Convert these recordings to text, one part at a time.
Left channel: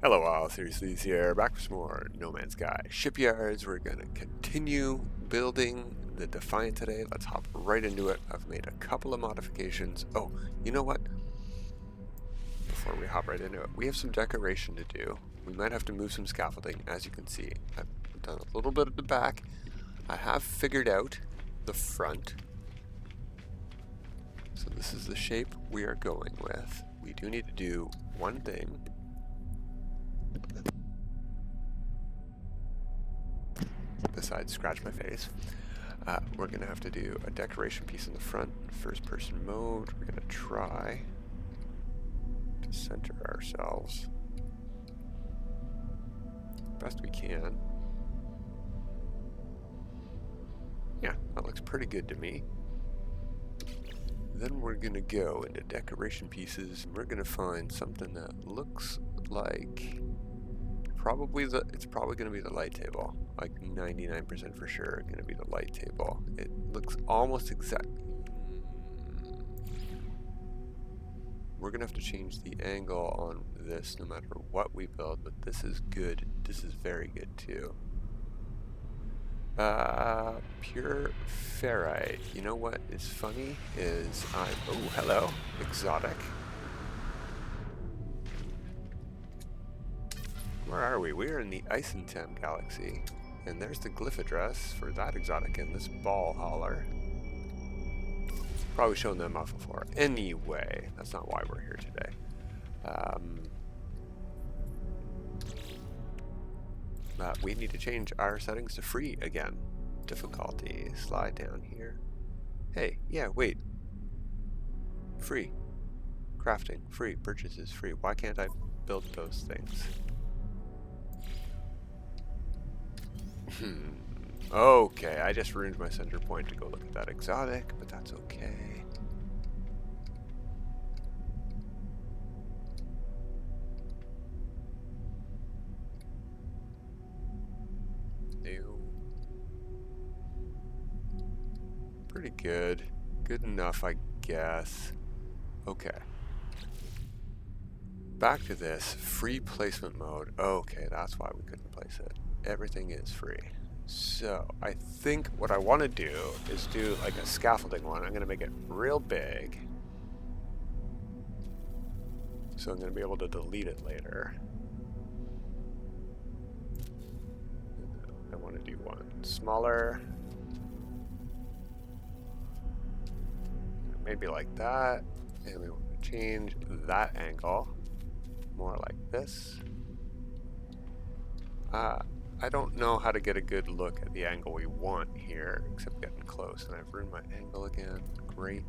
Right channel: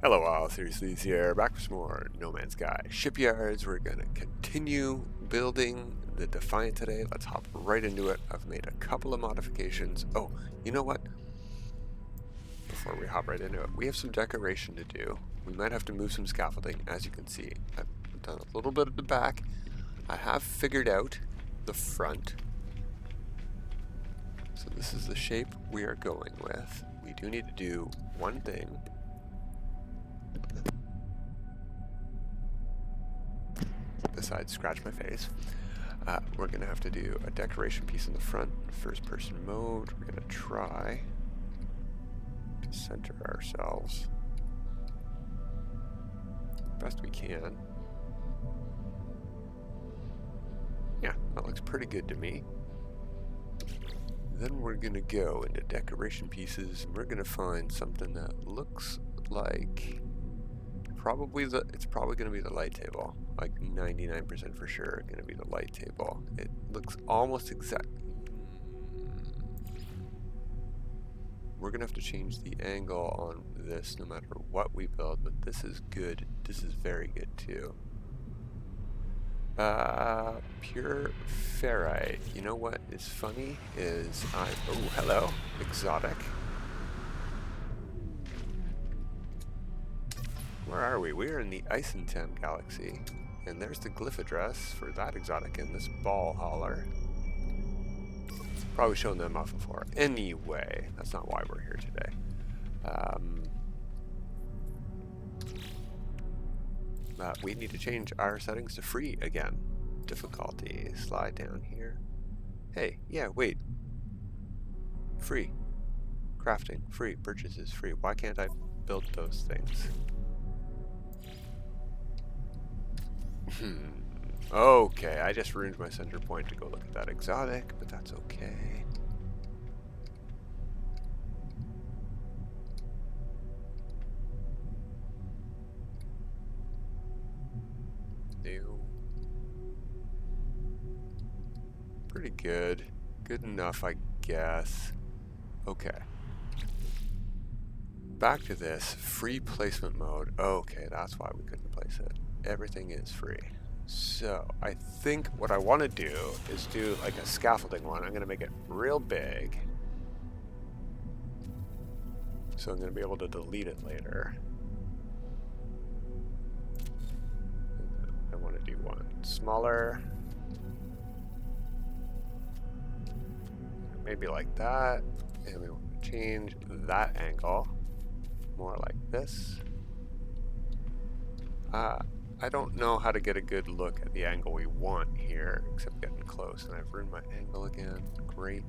Hello all, Seriously here, back with some more No Man's Sky Shipyards. We're going to continue building the Defiant today. Let's hop right into it. I've made a couple of modifications. Oh, you know what? Before we hop right into it, we have some decoration to do. We might have to move some scaffolding, as you can see. I've done a little bit at the back. I have figured out the front. So this is the shape we are going with. We do need to do one thing. Besides scratch my face. We're going to have to do a decoration piece in the front, first person mode. We're going to try to center ourselves best we can. Yeah, that looks pretty good to me. Then we're going to go into decoration pieces and we're going to find something that looks like it's probably going to be the light table. Like 99% for sure going to be the light table. It looks almost exact. We're going to have to change the angle on this no matter what we build, but this is good. This is very good too. Pure ferrite. You know what is funny is oh, hello, exotic. Where are we? We're in the Icentem galaxy. And there's the glyph address for that exotic in this ball hauler. Probably shown them off before. Anyway, that's not why we're here today. We need to change our settings to free again. Difficulty, slide down here. Hey, yeah, wait. Free. Crafting, free. Purchases, free. Why can't I build those things? Okay, I just ruined my center point to go look at that exotic, but that's okay. Ew. Pretty good. Good enough, I guess. Okay. Back to this free placement mode. Okay, that's why we couldn't place it. Everything is free. So I think what I want to do is do like a scaffolding one. I'm going to make it real big. So I'm going to be able to delete it later. I want to do one smaller. Maybe like that. And we want to change that angle. More like this. I don't know how to get a good look at the angle we want here, except getting close. And I've ruined my angle again. Great.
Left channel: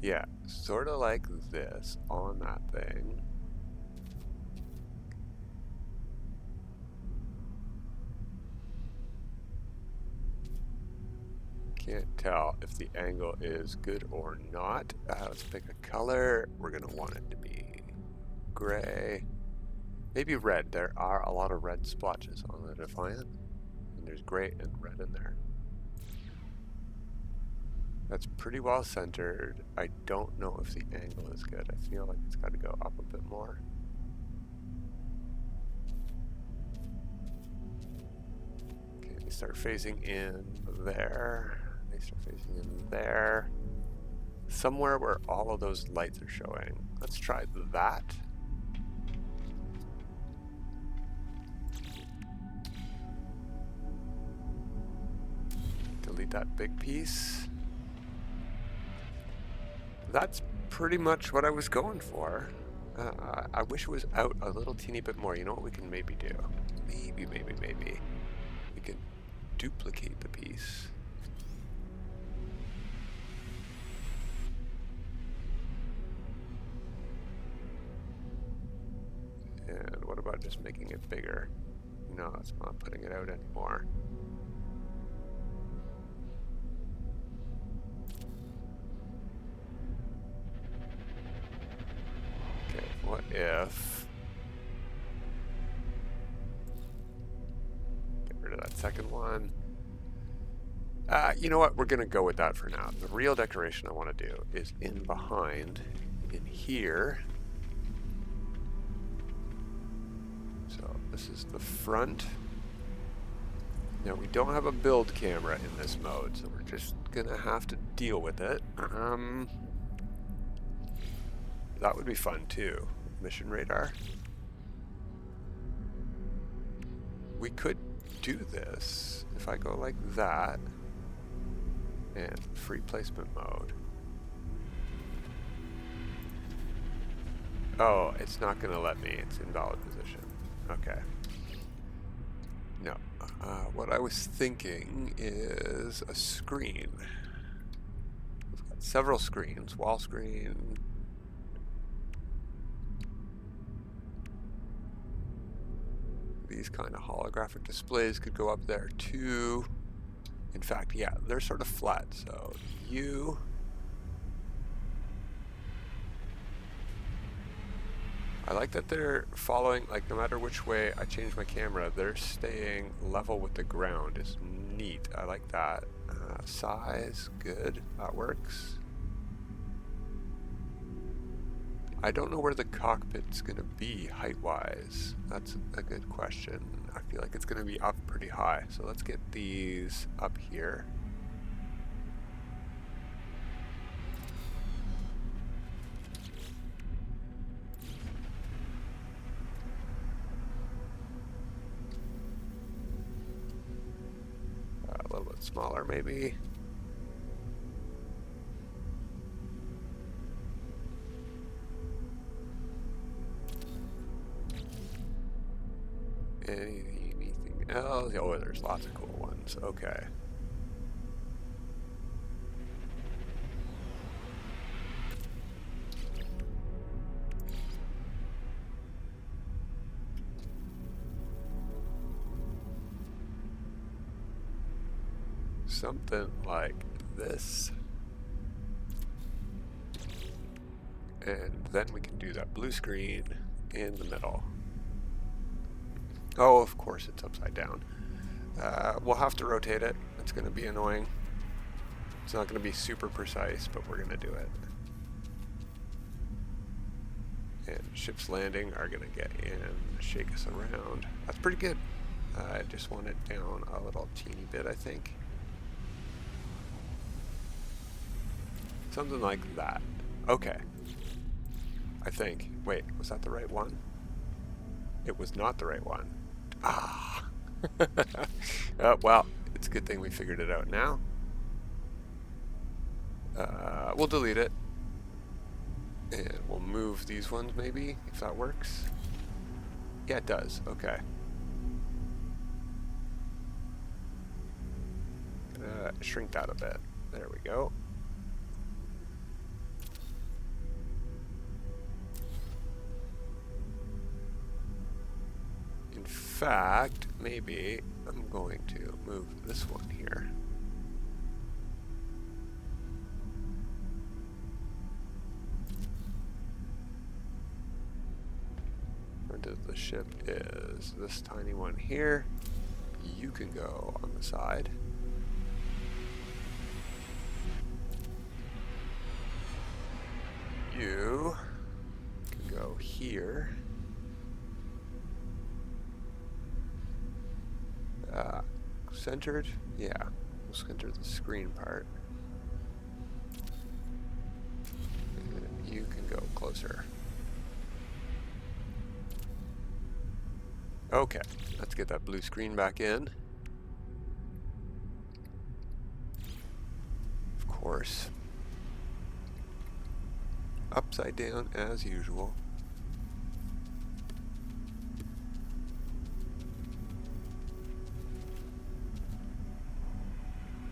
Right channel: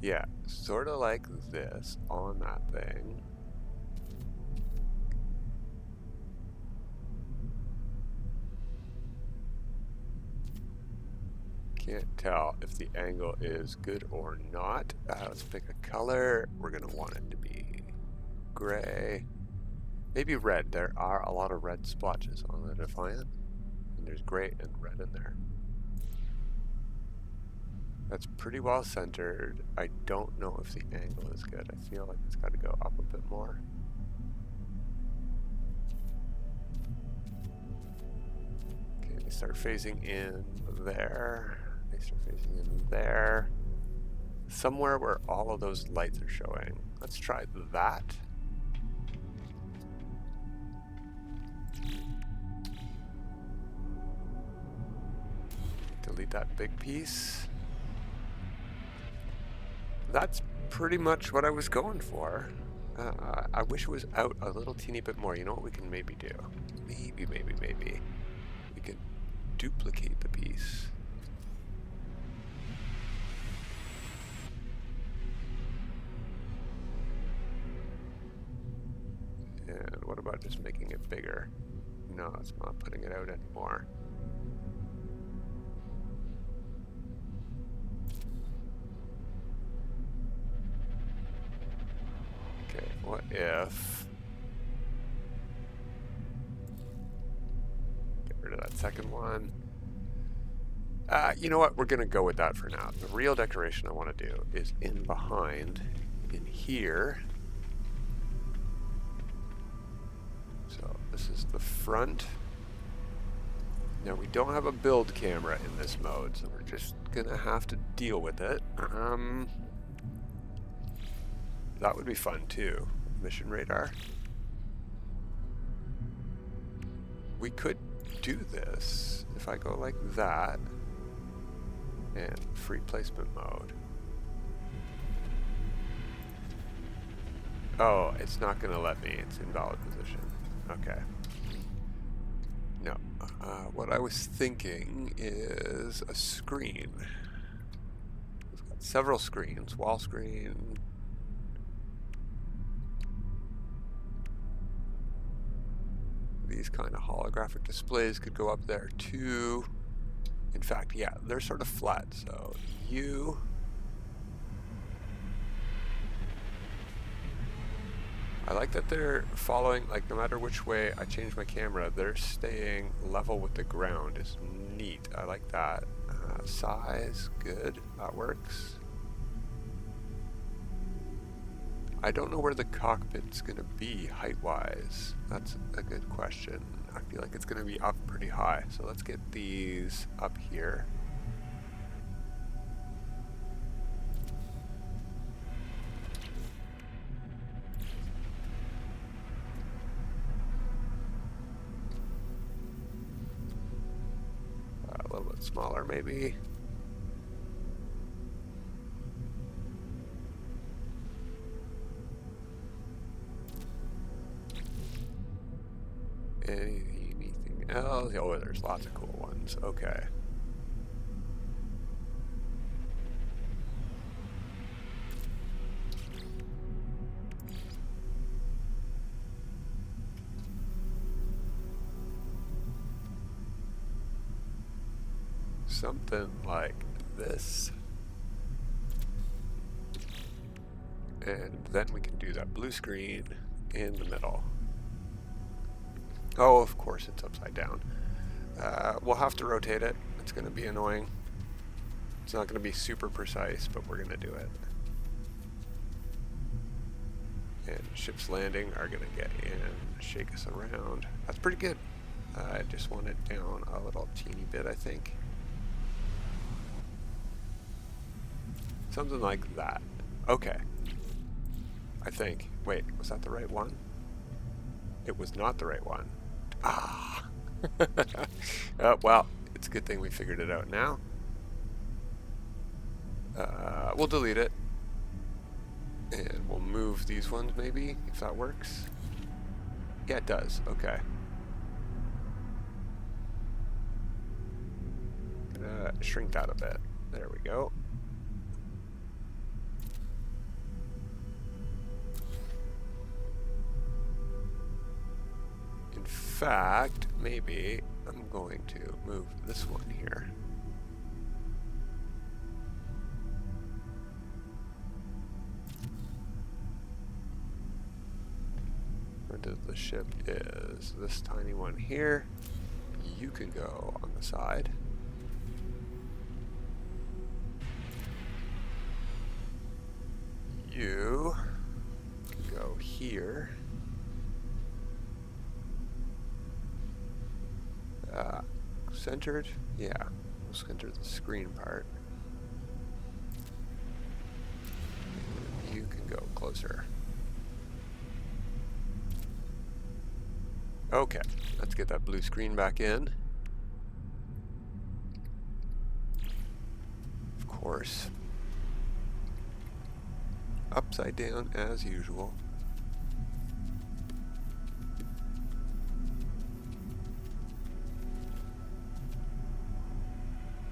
Yeah, sort of like this on that thing. Can't tell if the angle is good or not. Let's pick a color. We're going to want it to be gray. Maybe red. There are a lot of red splotches on the Defiant. And there's gray and red in there. That's pretty well centered. I don't know if the angle is good. I feel like it's got to go up a bit more. Okay, they start phasing in there. They start phasing in there. Somewhere where all of those lights are showing. Let's try that. Delete that big piece. That's pretty much what I was going for. I wish it was out a little teeny bit more. You know what we can maybe do? Maybe. We can duplicate the piece. And what about just making it bigger? No, it's not putting it out anymore. What if... Get rid of that second one. You know what? We're going to go with that for now. The real decoration I want to do is in behind, in here. So this is the front. Now we don't have a build camera in this mode, so we're just going to have to deal with it. That would be fun too. Mission radar. We could do this if I go like that. And free placement mode. Oh, it's not going to let me. It's invalid position. Okay. No. What I was thinking is a screen. We've got several screens. Wall screen. These kind of holographic displays could go up there too. In fact, yeah, they're sort of flat, so you... I like that they're following, like, no matter which way I change my camera, they're staying level with the ground. It's neat. I like that. Size, good. That works. I don't know where the cockpit's going to be height-wise. That's a good question. I feel like it's going to be up pretty high. So let's get these up here. A little bit smaller maybe. Anything else? Oh, there's lots of cool ones. Okay. Something like this. And then we can do that blue screen in the middle. Oh, of course it's upside down. We'll have to rotate it. It's going to be annoying. It's not going to be super precise, but we're going to do it. And ships landing are going to get in, shake us around. That's pretty good. I just want it down a little teeny bit, I think. Something like that. Okay. I think. Wait, was that the right one? It was not the right one. Ah. Well, it's a good thing we figured it out now. We'll delete it. And we'll move these ones maybe, if that works. Yeah, it does. Okay. Gonna shrink that a bit. There we go. In fact, maybe I'm going to move this one here. Front of the ship is this tiny one here. You can go on the side. You can go here. Centered? Yeah, we'll center the screen part. And you can go closer. Okay, let's get that blue screen back in. Of course. Upside down as usual.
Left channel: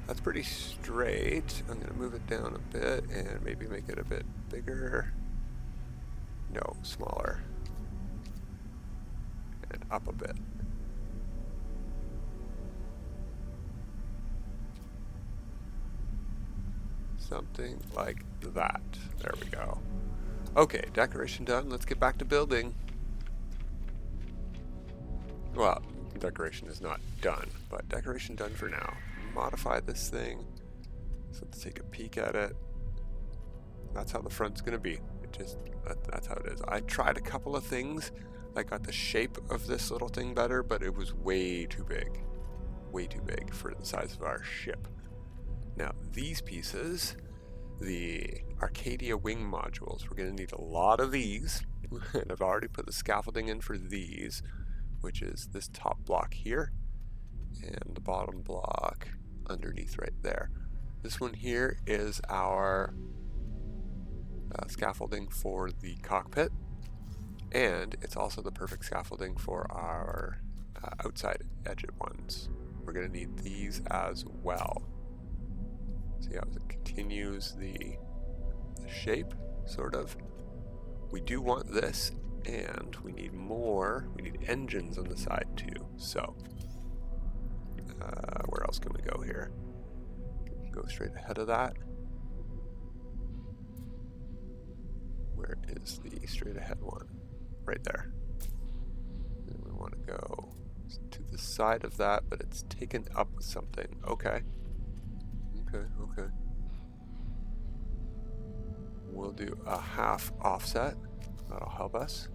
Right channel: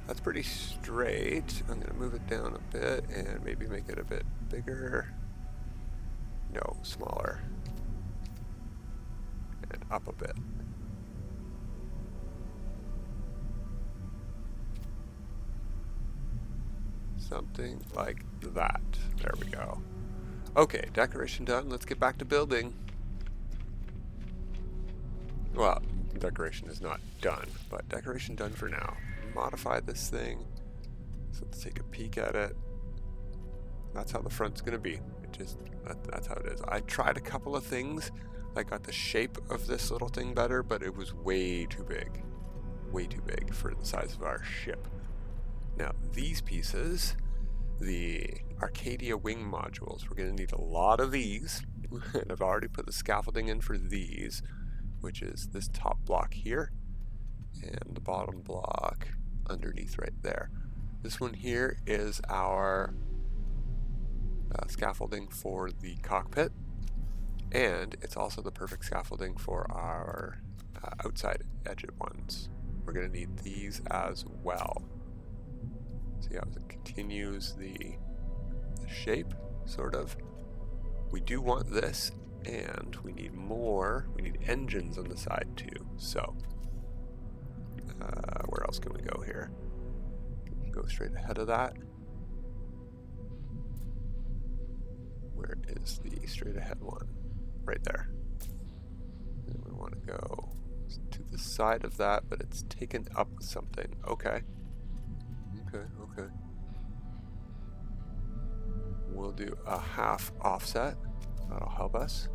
That's pretty straight. I'm going to move it down a bit and maybe make it a bit bigger. No, smaller. And up a bit. Something like that. There we go. Okay, decoration done. Let's get back to building. Well, decoration is not done, but decoration done for now. Modify this thing. So let's take a peek at it. That's how the front's gonna be. That's how it is. I tried a couple of things. I got the shape of this little thing better, but it was way too big. Way too big for the size of our ship. Now these pieces, the Arcadia wing modules, we're gonna need a lot of these. And I've already put the scaffolding in for these, which is this top block here and the bottom block underneath right there. This one here is our scaffolding for the cockpit, and it's also the perfect scaffolding for our outside edge ones. We're going to need these as well. See how it continues the shape, sort of. We do want this, and we need more. We need engines on the side too. So, where else can we go here? Can we go straight ahead of that? Where is the straight ahead one? Right there. And we want to go to the side of that, but it's taken up with something. Okay. Okay. We'll do a half offset. That'll help us.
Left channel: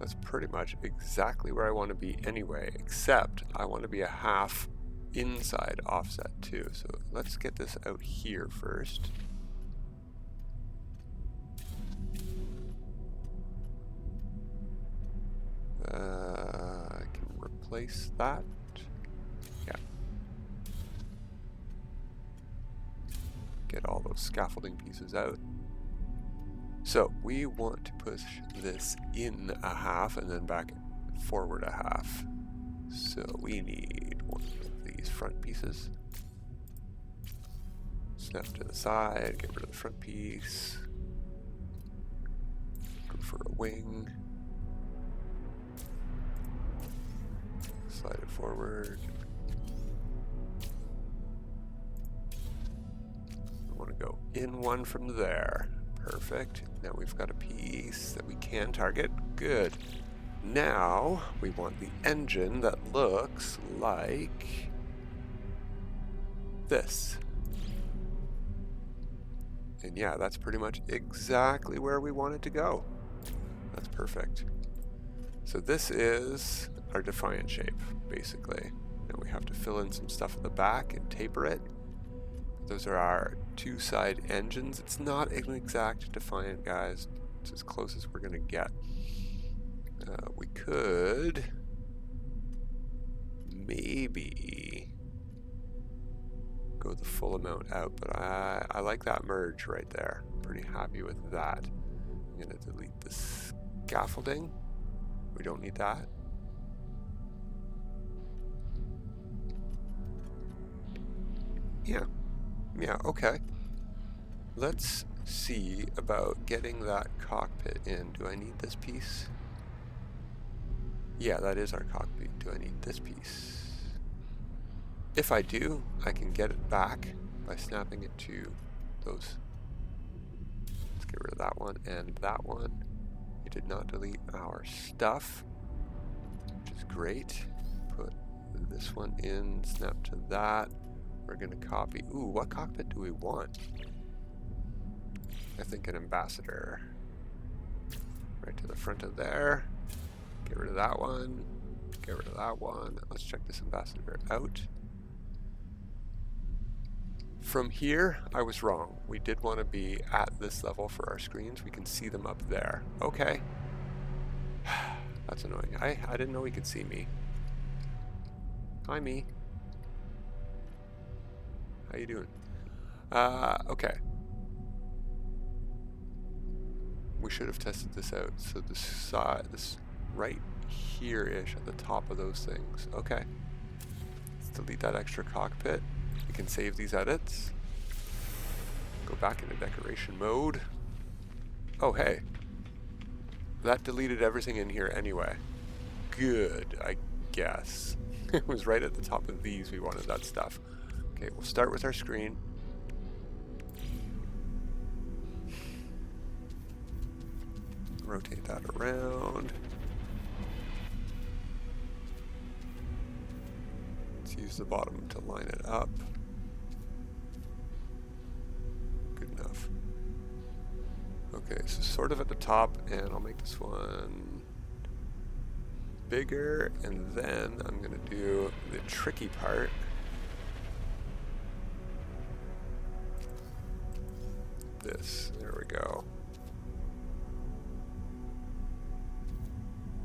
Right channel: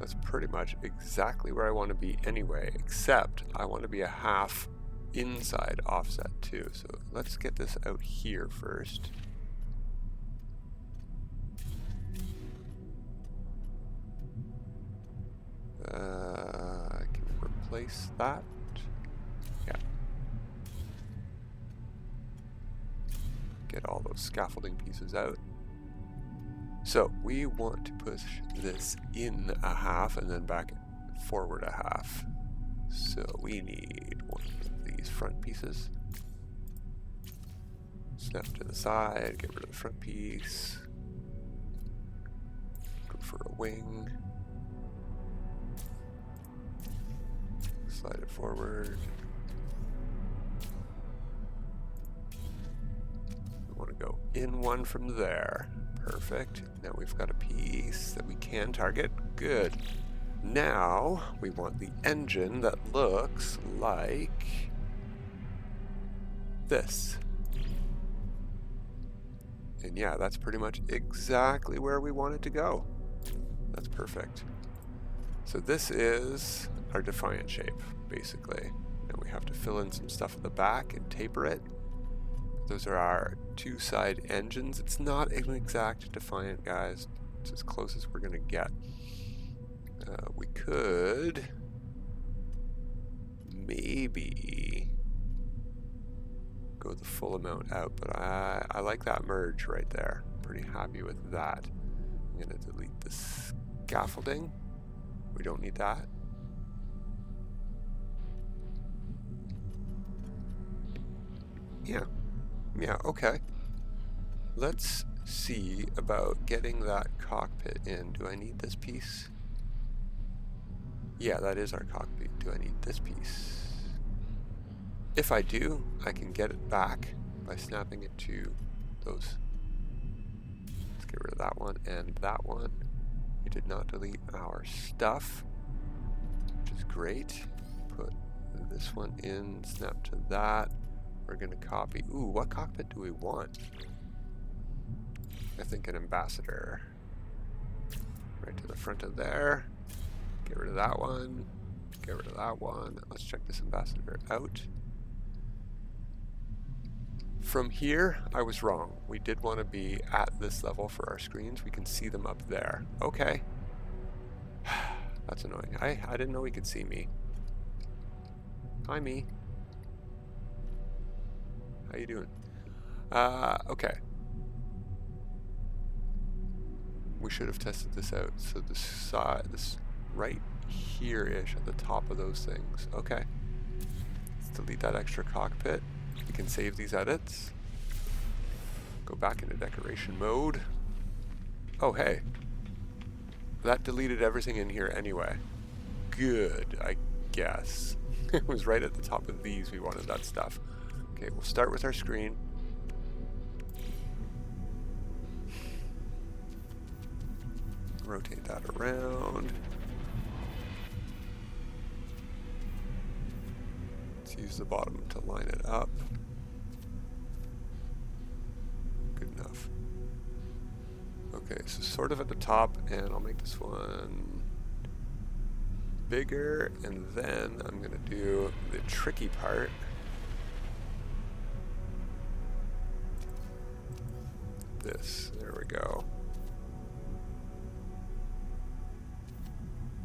That's pretty much exactly where I want to be anyway, except I want to be a half inside offset too. So let's get this out here first. I can replace that. Yeah. Get all those scaffolding pieces out. So we want to push this in a half and then back forward a half. So we need one of these front pieces. Snap to the side, get rid of the front piece. Go for a wing. Slide it forward. We want to go in one from there. Perfect. Now we've got a piece that we can target. Good. Now we want the engine that looks like this. And yeah, that's pretty much exactly where we want it to go. That's perfect. So this is our Defiant shape, basically. Now we have to fill in some stuff at the back and taper it. Those are our two side engines. It's not an exact Defiant, guys. It's as close as we're going to get. We could maybe go the full amount out, but I like that merge right there. Pretty happy with that. I'm going to delete the scaffolding. We don't need that. Yeah, okay. Let's see about getting that cockpit in. Do I need this piece? Yeah, that is our cockpit. Do I need this piece? If I do, I can get it back by snapping it to those. Let's get rid of that one and that one. We did not delete our stuff, which is great. Put this one in, snap to that. We're going to copy. Ooh, what cockpit do we want? I think an ambassador. Right to the front of there. Get rid of that one. Get rid of that one. Let's check this ambassador out. From here, I was wrong. We did want to be at this level for our screens. We can see them up there. Okay. That's annoying. I didn't know we could see me. Hi, me. How you doing? Okay. We should have tested this out. So this side, this right here-ish at the top of those things. Okay. Let's delete that extra cockpit. We can save these edits. Go back into decoration mode. Oh, hey. That deleted everything in here anyway. Good, I guess. It was right at the top of these we wanted that stuff. Okay, we'll start with our screen. Rotate that around. Let's use the bottom to line it up. Good enough. Okay, so sort of at the top, and I'll make this one bigger, and then I'm going to do the tricky part. This, there we go.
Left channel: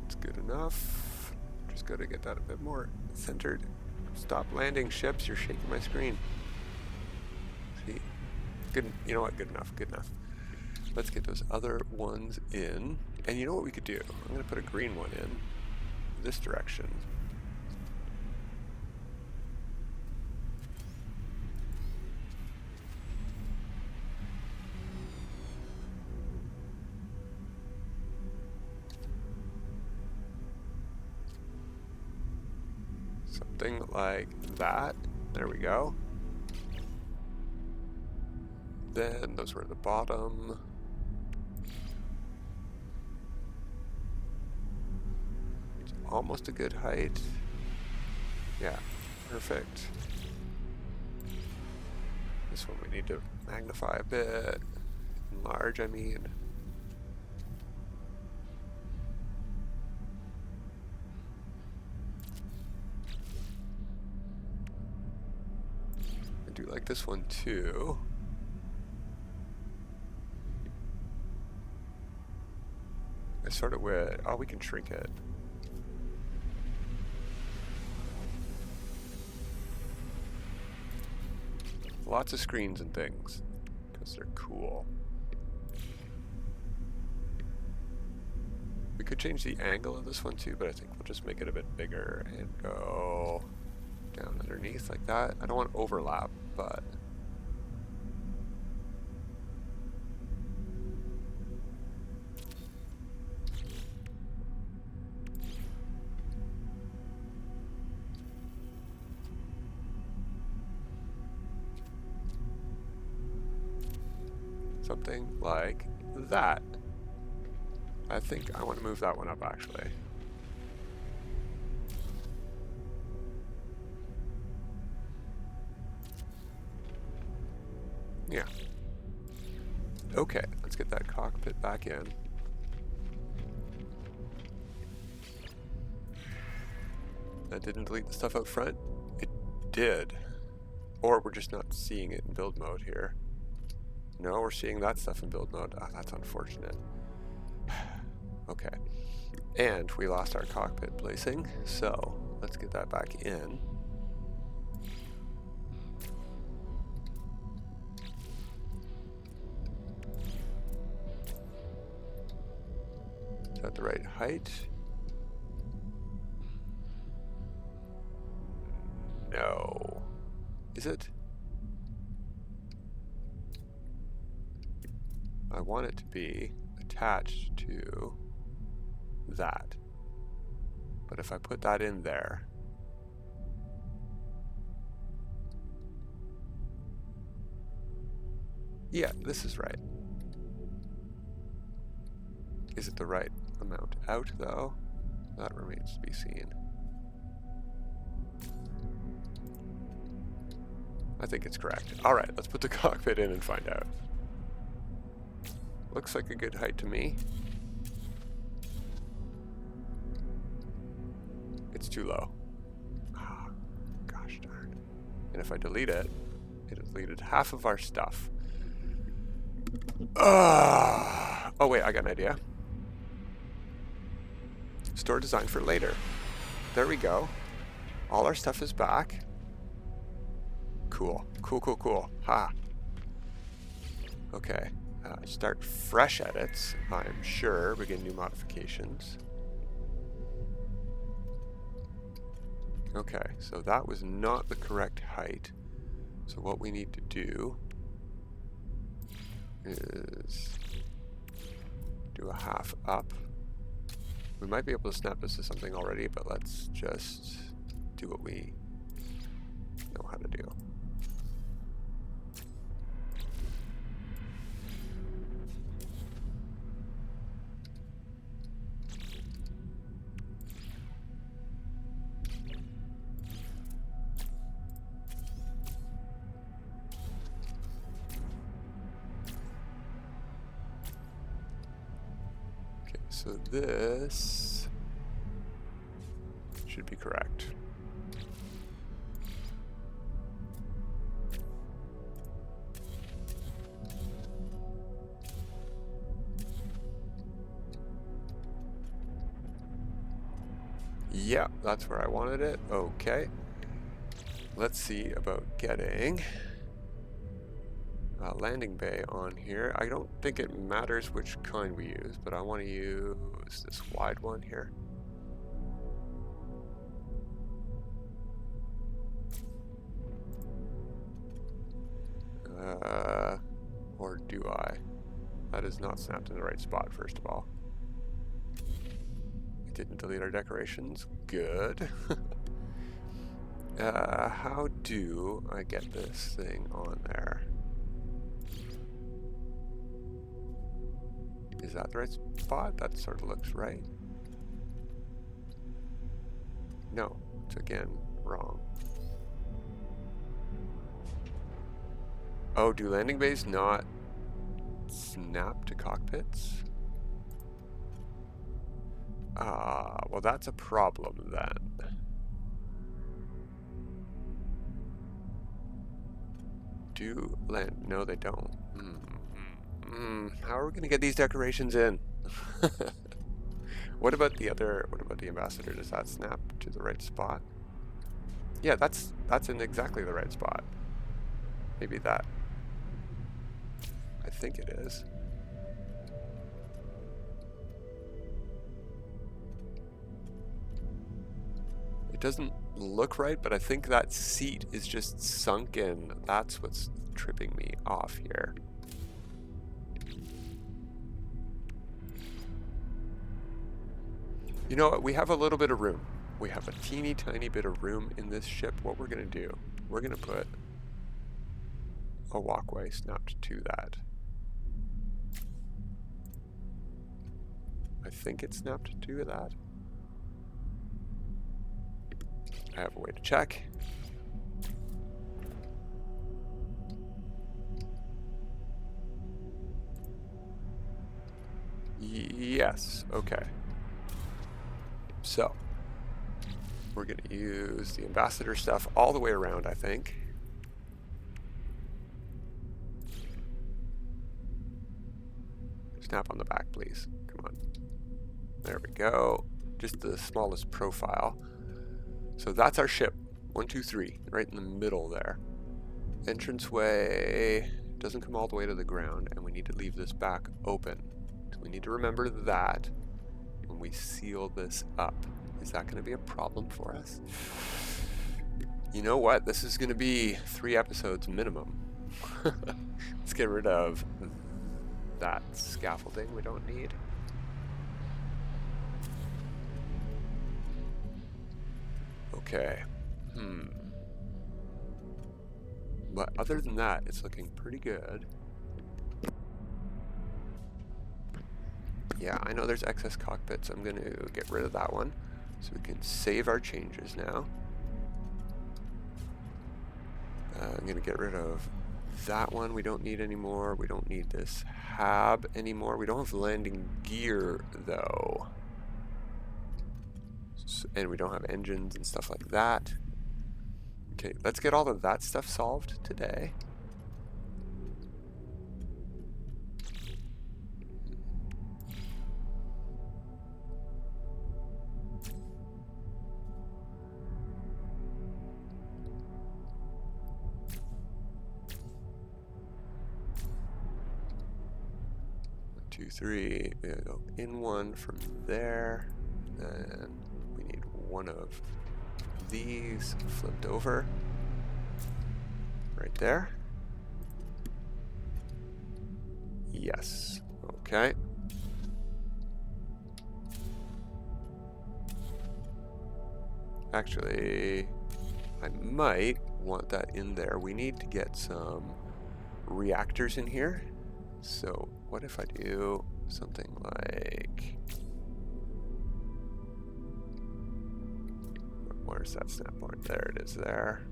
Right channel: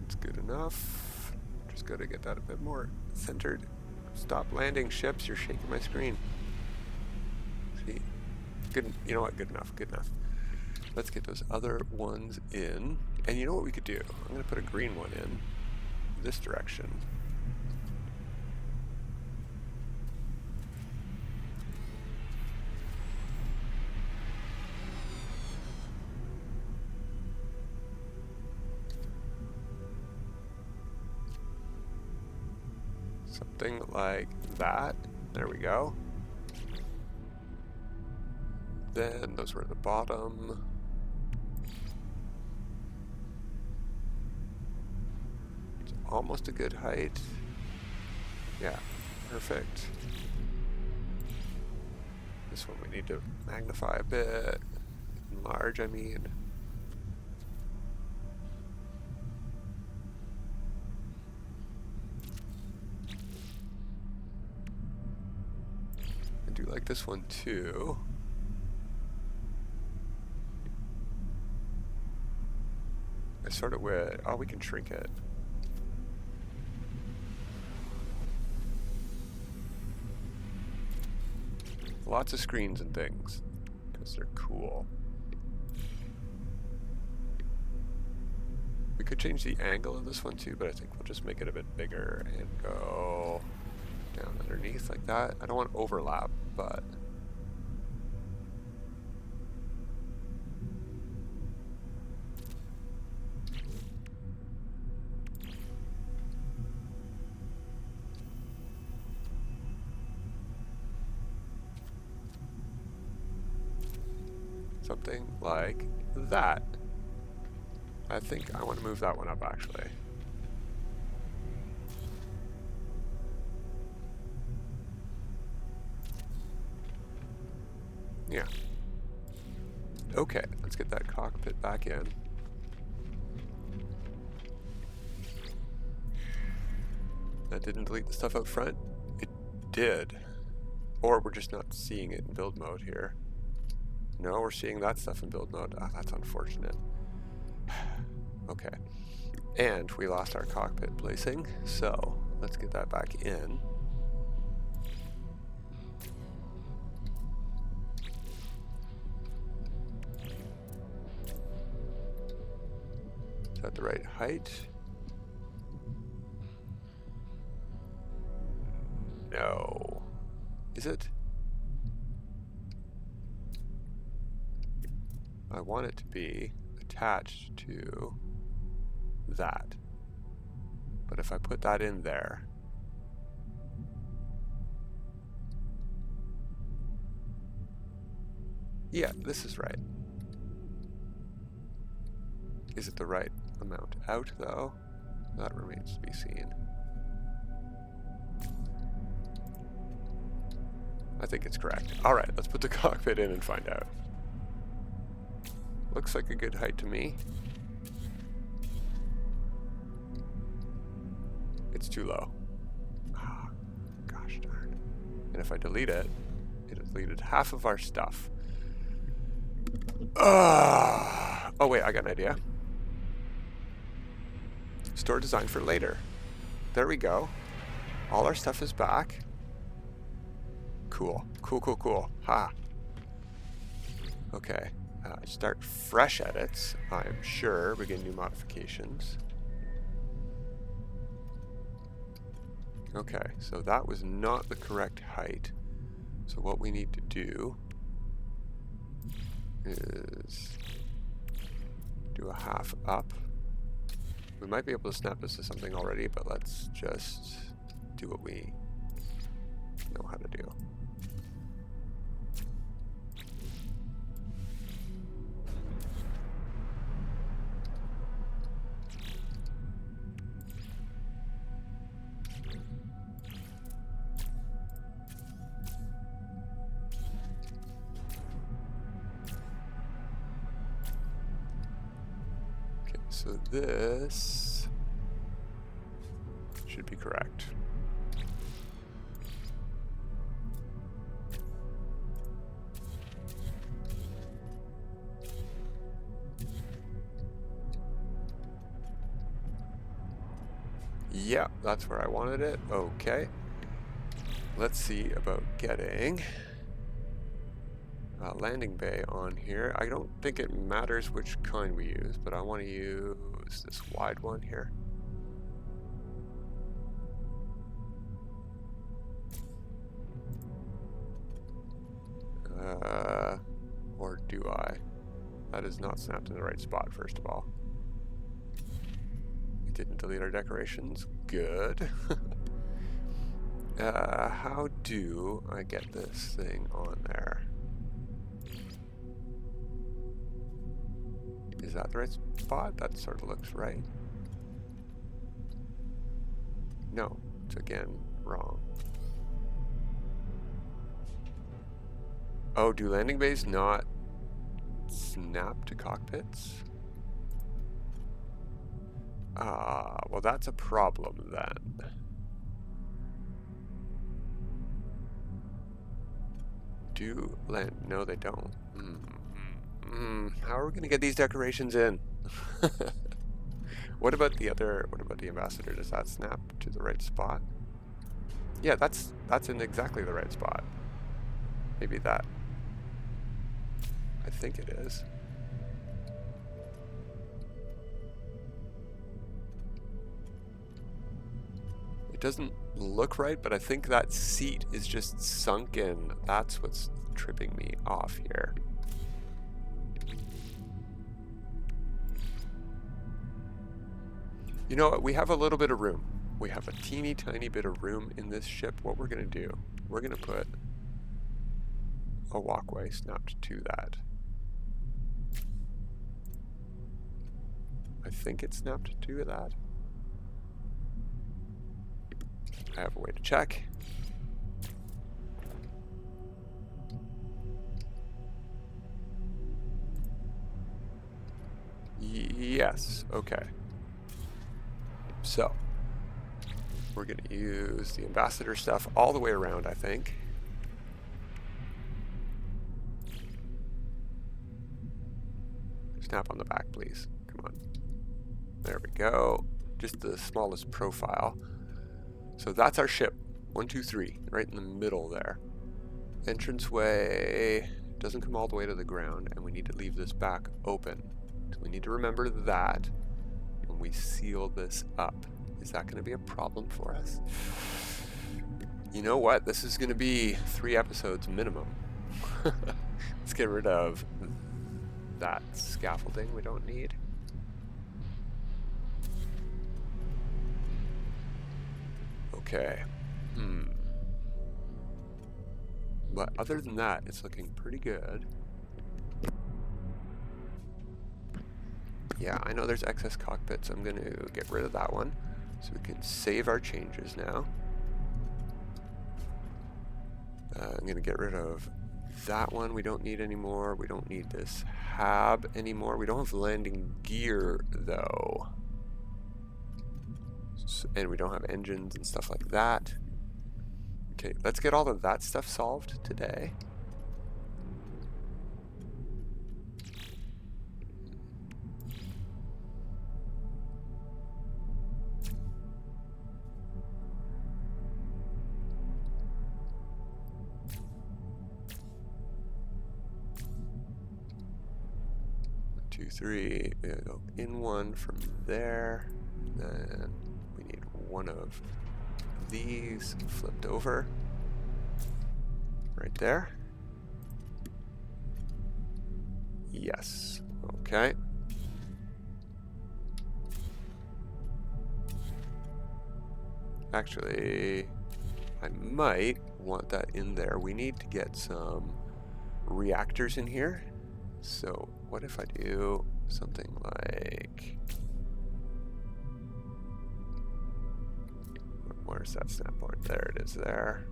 It's good enough. Just got to get that a bit more centered. Stop landing ships, you're shaking my screen. See? Good, you know what, good enough, good enough. Let's get those other ones in. And you know what we could do? I'm going to put a green one in this direction. Something like that. There we go. Then those were at the bottom. It's almost a good height. Yeah, perfect. This one we need to magnify a bit. Enlarge, I mean. I do like this one too. I sort of would. Oh, we can shrink it. Lots of screens and things, because they're cool. We could change the angle of this one too, but I think we'll just make it a bit bigger and go down underneath like that. I don't want overlap, but something like that. I think I want to move that one up actually. Yeah. Okay, let's get that cockpit back in. That didn't delete the stuff out front? It did. Or we're just not seeing it in build mode here. No, we're seeing that stuff in build mode. Ah, that's unfortunate. Okay. And we lost our cockpit placing, so let's get that back in. Is that the right height? No. Is it? I want it to be attached to that. But if I put that in there, yeah, this is right. Is it the right amount out though? That remains to be seen. I think it's correct. Alright, let's put the cockpit in and find out. Looks like a good height to me. It's too low. Ah, gosh darn. And if I delete it, it deleted half of our stuff. Oh wait, I got an idea. Store design for later. There we go. All our stuff is back. Cool. Cool, cool, cool. Ha. Okay. Start fresh edits, I'm sure. Begin new modifications. Okay, so that was not the correct height. So what we need to do is do a half up We might be able to snap this to something already, but let's just do what we know how to do. Okay, so this should be correct. Yeah, that's where I wanted it. Okay. Let's see about getting a landing bay on here. I don't think it matters which kind we use, but I want to use this wide one here. Or do I? That is not snapped in the right spot, first of all. It didn't delete our decorations. Good. How do I get this thing on there? Is that the right spot? That sort of looks right. No, it's again wrong. Oh, do landing bays not snap to cockpits? Well, that's a problem then. Do land? No, they don't. How are we going to get these decorations in? What about the other? What about the ambassador? Does that snap to the right spot? Yeah, that's in exactly the right spot. Maybe that. I think it is. It doesn't look right, but I think that seat is just sunk in. That's what's tripping me off here. You know what? We have a little bit of room. We have a teeny tiny bit of room in this ship. What we're going to do, we're going to put a walkway snapped to that. I think it's snapped to that. I have a way to check. Yes, okay. So, we're going to use the ambassador stuff all the way around, I think. Snap on the back, please. Come on. There we go. Just the smallest profile. So that's our ship. 1, 2, 3, right in the middle there. Entranceway doesn't come all the way to the ground, and we need to leave this back open. So we need to remember that when we seal this up. Is that going to be a problem for us? You know what? This is going to be 3 episodes minimum. Let's get rid of that scaffolding we don't need. Okay. But other than that, it's looking pretty good. Yeah, I know there's excess cockpits. I'm going to get rid of that one so we can save our changes now. I'm going to get rid of that one. We don't need anymore. We don't need this hab anymore. We don't have landing gear though. And we don't have engines and stuff like that. Okay, let's get all of that stuff solved today. Two, three. We're gonna go in one from there. Then we need one of these flipped over right there. Yes. Okay. Actually, I might want that in there. We need to get some reactors in here. So what if I do something like, where's that snap point? There it is there.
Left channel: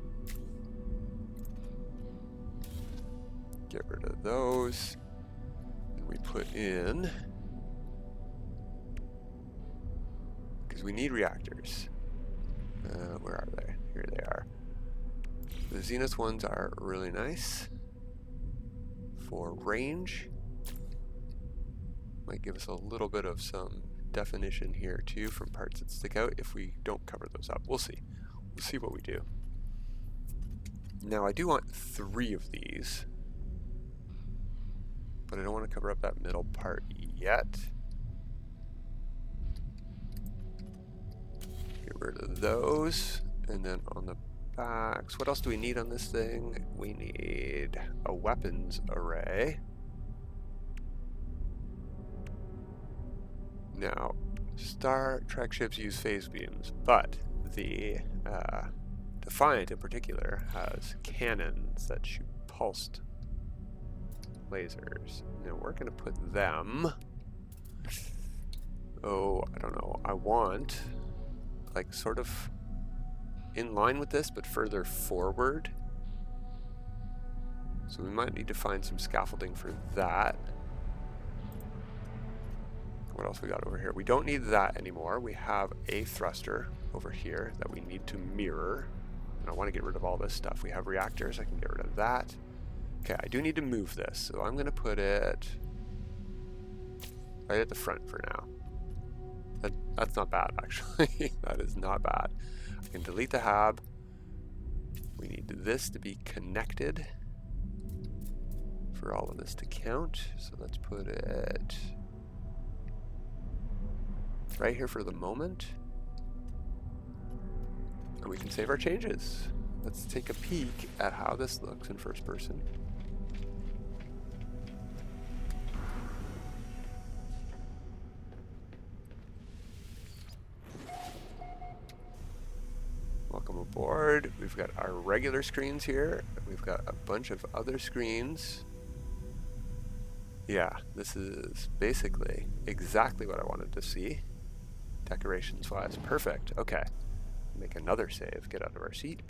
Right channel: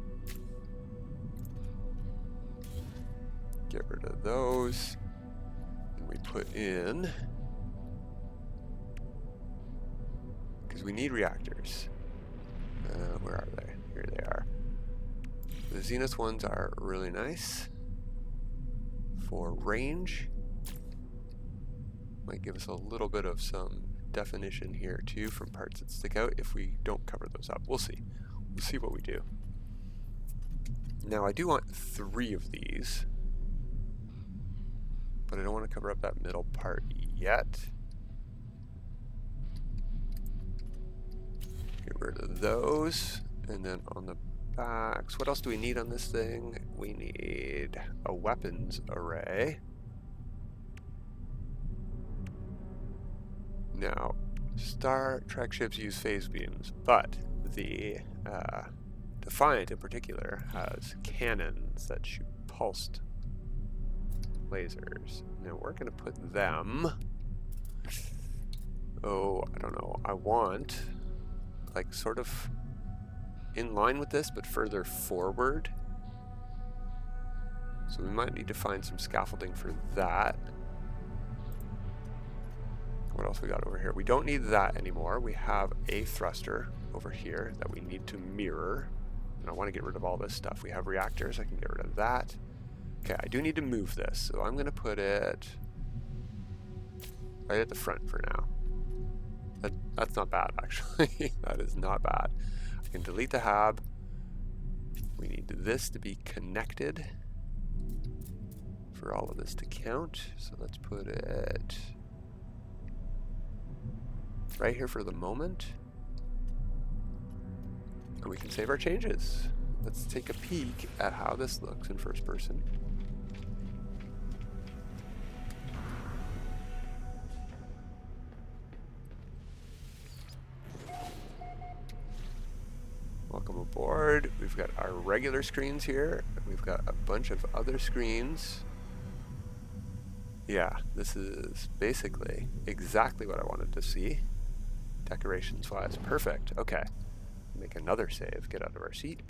Get rid of those. And we put in, because we need reactors. Where are they? Here they are. The Zenith ones are really nice for range. Might give us a little bit of some definition here too from parts that stick out if we don't cover those up. We'll see. We'll see what we do. Now I do want 3 of these, but I don't want to cover up that middle part yet. Get rid of those, and then on the backs, what else do we need on this thing? We need a weapons array. Now, Star Trek ships use phase beams, but the Defiant in particular has cannons that shoot pulsed lasers. Now we're going to put them, oh, I don't know, I want like sort of in line with this but further forward. So we might need to find some scaffolding for that. What else we got over here? We don't need that anymore. We have a thruster over here that we need to mirror. And I want to get rid of all this stuff. We have reactors. I can get rid of that. Okay, I do need to move this. So I'm going to put it right at the front for now. That's not bad, actually. That is not bad. I can delete the hab. We need this to be connected for all of this to count. So let's put it right here for the moment. And we can save our changes. Let's take a peek at how this looks in first person. Welcome aboard. We've got our regular screens here. We've got a bunch of other screens. Yeah, this is basically exactly what I wanted to see. Decorations wise, perfect. Okay, make another save, get out of our seat.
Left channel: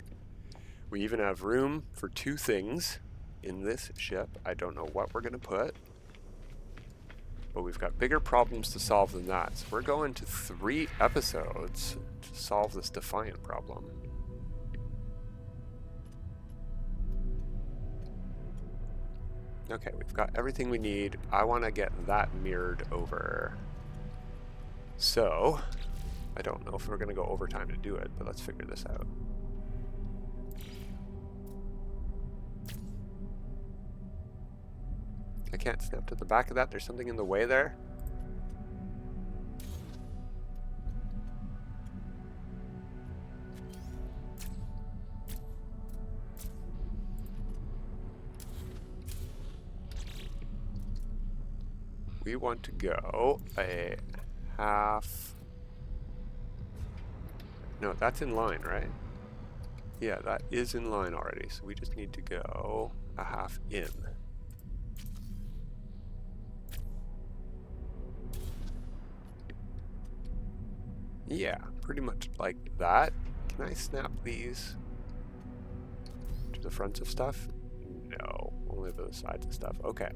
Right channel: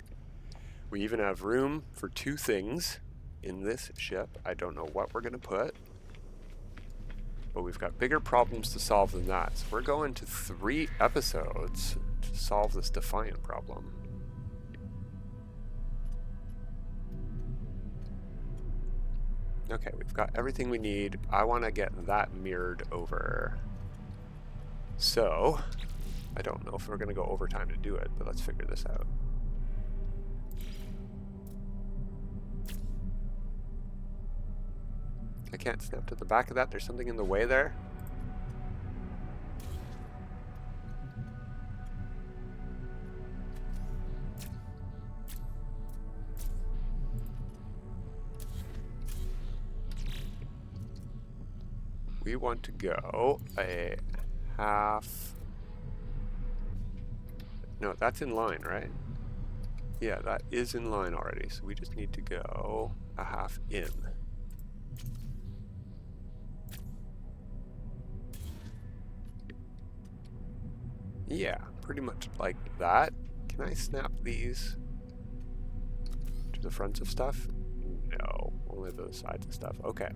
We even have room for 2 things in this ship. I don't know what we're gonna put, but we've got bigger problems to solve than that. So we're going to 3 episodes to solve this Defiant problem. Okay, we've got everything we need. I want to get that mirrored over. So, I don't know if we're going to go overtime to do it, but let's figure this out. I can't snap to the back of that. There's something in the way there. We want to go a half. No, that's in line, right? Yeah, that is in line already. So we just need to go a half in. Yeah, pretty much like that. Can I snap these to the fronts of stuff? No, only the sides of stuff. Okay.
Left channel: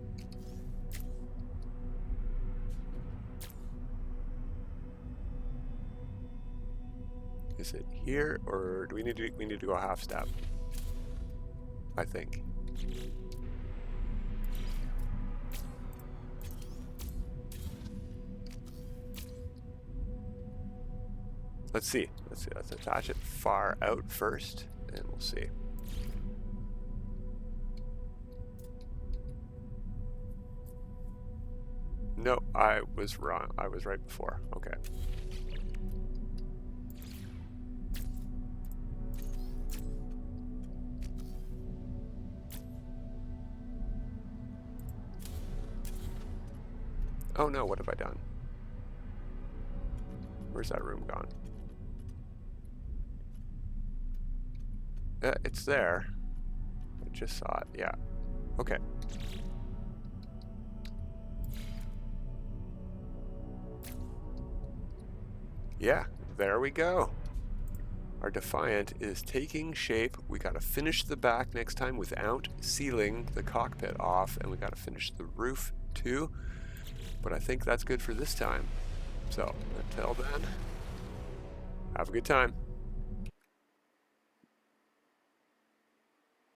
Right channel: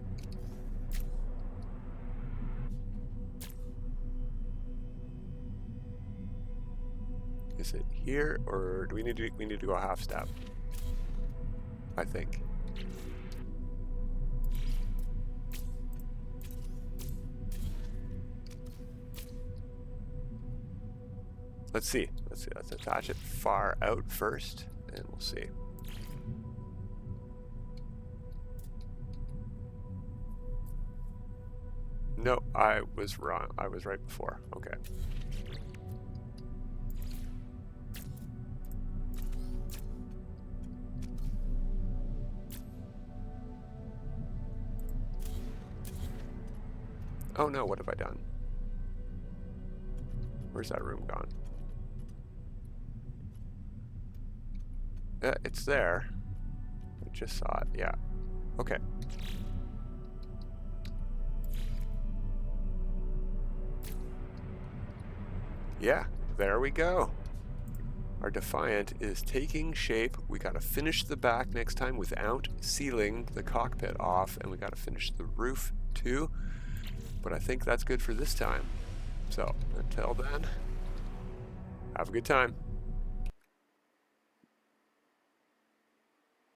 Is it here, or do we need to go a half step? I think. Let's see. Let's attach it far out first, and we'll see. No, I was wrong. I was right before. Okay. Oh no, what have I done? Where's that room gone? It's there. I just saw it. Yeah. Okay. Yeah, there we go. Our Defiant is taking shape. We got to finish the back next time without sealing the cockpit off, and we got to finish the roof too. But I think that's good for this time. So until then, have a good time.